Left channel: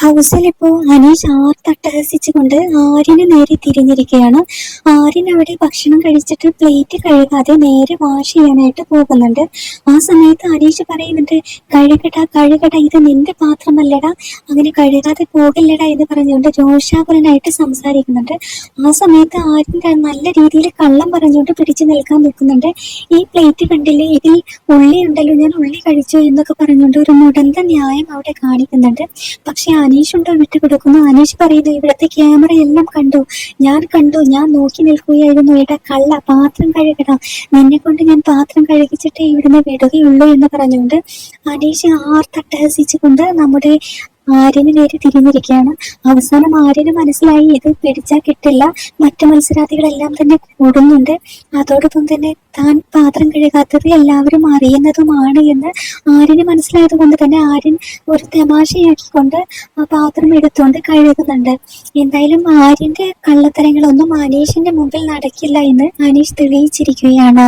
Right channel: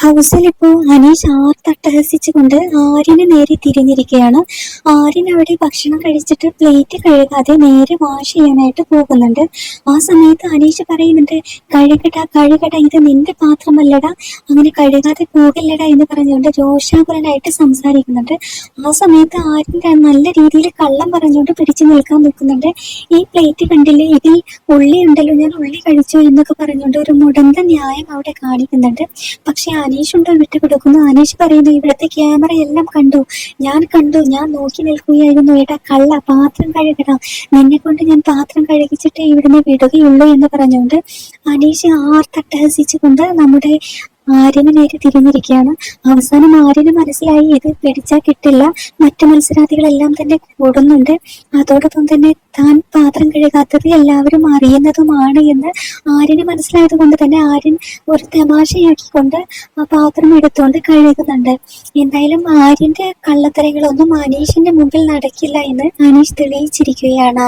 ഹൗസിൽ ഇപ്പോൾ അനീഷ് ആർത്തട്ടഹസിച്ചുകൊണ്ട് ആര്യന് നേരെ തിരിഞ്ഞിരിക്കുകയാണ്. ആര്യൻ അവിടെ ഭക്ഷണം കഴിച്ചിട്ട് പ്ലേറ്റ് കഴുകാതെ നേരെ വാഷ് ചെയ്യാനായിട്ട് പോകുന്നുണ്ട്. ആ സമയത്ത് അനീഷ് പറയുന്നുണ്ട് കഴുകട കഴുകട ഇത് നിന്റെ പാത്രമല്ലടാ അങ്ങനെ കഴുകാതെ പോകില്ലടാ എന്ന് പറഞ്ഞുകൊണ്ട് രോഷാകുലനായിട്ട് സംസാരിക്കുന്നുണ്ട്. ആ സമയത്ത് ആര്യൻ നല്ല രീതിയിൽ കള്ളം പറഞ്ഞുകൊണ്ട് പിടിച്ചു നിൽക്കാൻ നിൽക്കുന്നുണ്ട്. ഈ പ്ലേറ്റ് കണ്ടില്ലേ ഇതിൽ ഉള്ളി ഉണ്ടല്ലോ ഞാൻ ഉള്ളി കഴിച്ചോ എന്നൊക്കെ പറഞ്ഞുകൊണ്ട് ഒരു മുടന്ത ന്യായം അവിടെ കാണിക്കുന്നുണ്ട്. പക്ഷെ അനീഷ് ഉണ്ടോ വിട്ടു കൊടുക്കുന്നു അനീഷ് പറയുന്നു ഇവിടുത്തെ ക്യാമറ എല്ലാം കണ്ടു. ഞാൻ കണ്ടു. ഞാൻ നോക്കി നിൽക്കുകയായിരുന്നു. ഏട്ടാ കള്ള പാത്രം കഴുകണം നിന്നെ കൊണ്ട് ഞാൻ പാത്രം കഴുകിച്ചിട്ട് ഇവിടുന്ന് വിടുകയുള്ളൂ എന്ന് പറഞ്ഞുകൊണ്ട് അനീഷ് ആർത്തട്ടഹസിച്ചുകൊണ്ട് നമ്മുടെ ആര്യന് നേരെ തിരിഞ്ഞിരിക്കുകയാണ്. അവസാനം ആര്യന് മനസ്സിലായി ഇത് പിടിച്ചാൽ കിട്ടില്ല. മറ്റു മത്സരാർത്ഥികളെല്ലാം തന്നെ കൂടുന്നുണ്ട്. അതോടൊപ്പം തന്നെ താൻ പാത്രം കഴുകാത്തത് എല്ലാവരും അറിയുന്നതുമാണ് എന്ന് ആര്യന് മനസ്സിലായത് കൊണ്ട് തന്നെ ആര്യൻ ഒരു തമാശയാക്കിക്കൊണ്ട് ആ പാത്രം എടുത്തുകൊണ്ട് കഴുകുന്നുണ്ട്. എന്തായാലും ആര്യന്റെ കള്ളത്തരങ്ങളൊന്നും അനീഷിന്റെ മുമ്പിൽ നടക്കില്ല എന്ന് അനീഷ് തെളിയിച്ചിരിക്കുകയാണ്.